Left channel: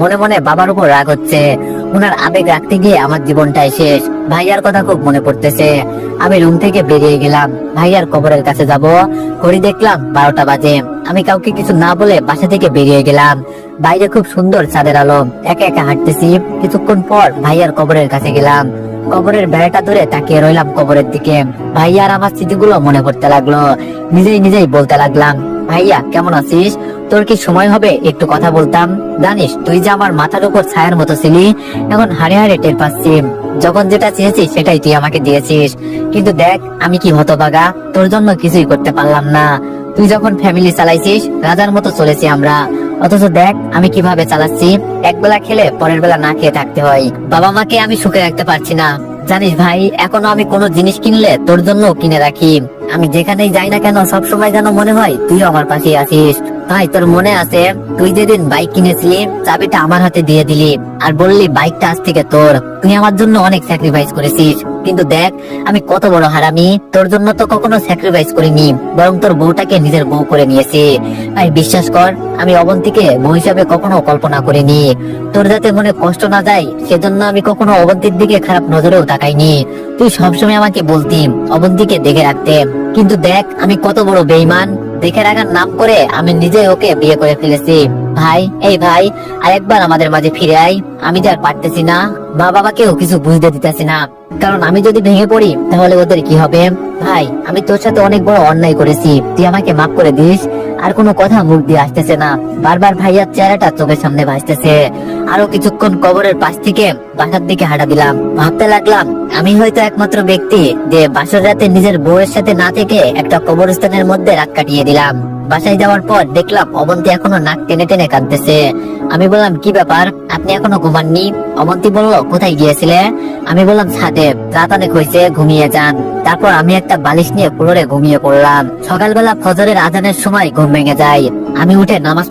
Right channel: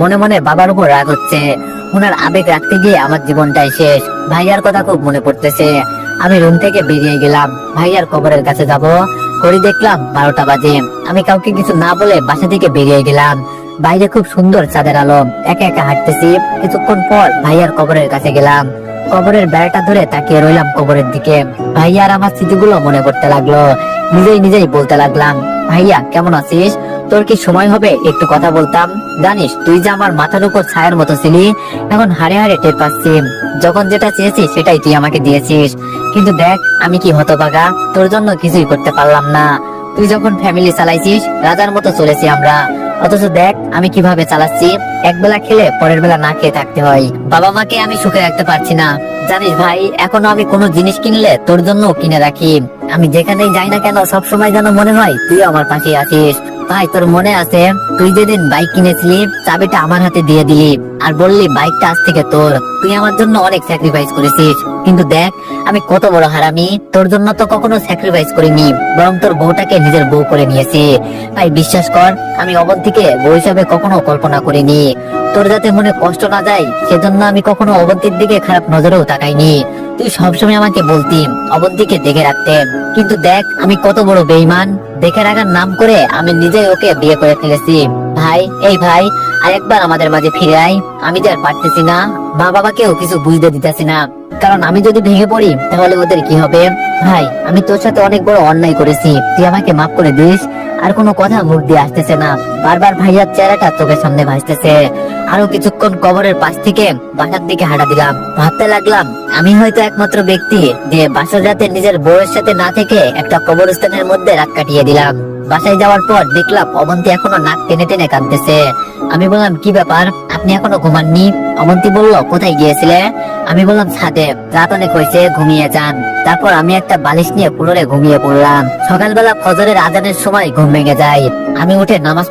মনে মনে বাবার উপর রাগ হচ্ছে। ওনার আবেগ রাখতে গিয়ে আমার জীবনটাই শেষ। ভাইয়ার কথা খুব মনে পড়তেছে। আমি রুম থেকে বেরিয়ে গেলাম, ভাইয়ার কবরের কাছে যাব। ঘড়ি দেখলাম 12টা বাজে। আমি কাউকে কিছু না বলে বাসা থেকে বেরিয়ে গেলাম। বাইরে খুব সুন্দর চাঁদের আলো। একা একা হাঁটতেছি। কিছুক্ষণ পর ভাইয়ার কবরের কাছে গেলাম। কবরের বেড়াটা ধরে তাকিয়ে রইলাম কবরের দিকে। ভাইয়ার আমার স্মৃতিগুলো মনে করতে লাগলো। নিজেই নিজেই বলতে লাগলাম, ভাইয়া কেমন আছিস? তোর কি সময় হবে একটু কথা বলতাম? জানিস তুই যে আমার মাথার উপর ছায়ার মতো ছিলি, এখন হারে হারে টের পাচ্ছি। যখন যেটা চেয়েছি সেটাই তুই আমাকে দিয়েছিস। কিন্তু দেখ আমি কি হতভাগা, তোর জন্য কিছুই করতে পারলাম না। তুই যখন ফ্যামিলি চালাইছিস, রাজার মতো চলেছি আমরা। অথচ দেখ আমি কিভাবে চালাচ্ছি। একবেলা খেলে পরের বেলা না খেয়ে থাকতে হয়। বাবা মাকে আমি সুখে রাখতে পারছি না। জানিস ভাই, এখনো আমি কোনো জিনিস কিনলে তোর জন্য কিনে রাখি। আমি যেখানেই যাই না কেন সবসময় যেন মনে হয় তুই আমার পাশে আছিস। ভাই তোর মনে আছে তুই যেদিন বাইক কিনেছিলি, চাবিটা আমার হাতে দিয়ে দিলি আর বললি বাইকটা আজ থেকে তোর। তুই আমার জন্য অনেক স্যাক্রিফাইস করেছিস, কিন্তু দেখ আমি কত বড় হারামি। তোর জন্য তো কখনো স্যাক্রিফাইস করিনি, বরং তোর বউটাকে নিজের বউ করে নিয়েছে। ভাই বিশ্বাস কর, আমি অবন্তীকে বউ হিসাবে কখনো কল্পনা করিনি। তোর যাতে মনে কষ্ট না যায় সেজন্য আমি কখনো অবন্তীর দিকে খারাপ নজরেও তাকাইনি। তুই সবসময় আমাকে বলতি অবন্তীকে দেখে রাখতে, কিন্তু দেখ আমি কত বড় বেঈমান। দেখে রাখার নাম করে আমি নিজে ওকে বিয়ে করে ফেলেছি। ভাই এই ভাই, আরেকবার আমাদের মাঝে ফিরে আয়। আমি তো আর পারতেছি না, বাবাকেও কিছু বুঝতে দিতেছি না। কারণ আমি যদি ভেঙে পড়ি তাহলে ওদের কি হবে? ভাই আমি তোর সাথে অনেক বড় অন্যায় করেছি, তুই আমাকে মাফ করে দিস। আর কোনো কথা মুখ দিয়ে আসতেছে না, বারবার ভাইয়ার চেহারাটা চোখের সামনে ভাসতেছে। আরো কিছুক্ষণ কবরের পাশ থেকে বাসার দিকে হাঁটা দিলাম। ভাবতে লাগলাম আমি হয়তো একমাত্র ব্যক্তি যে বাসর রাতে নিজের বউয়ের সাথে না থেকে একটা কবরস্থানের মধ্যে রাত কাটিয়ে দিলাম। বাসায় যাওয়ার পর দেখলাম অবন্তী এখনো নাক টেনে টেনে কাঁদতেছে। আমি বললাম কি ব্যাপার, আপনি এখনো ঘুমাননি? অবন্তী বলল কোথায় গিয়েছিলে? আমি বললাম ছাদে, রাত অনেক হয়েছে, ঘুমিয়ে যান। তারপর আমি একটা বালিশ নিয়ে পুনরায় ঘুমিয়ে পড়লাম। সকালবেলা ফজরের আজানের সময় ঘুম ভেঙে যায়। আমি উঠে নামাজ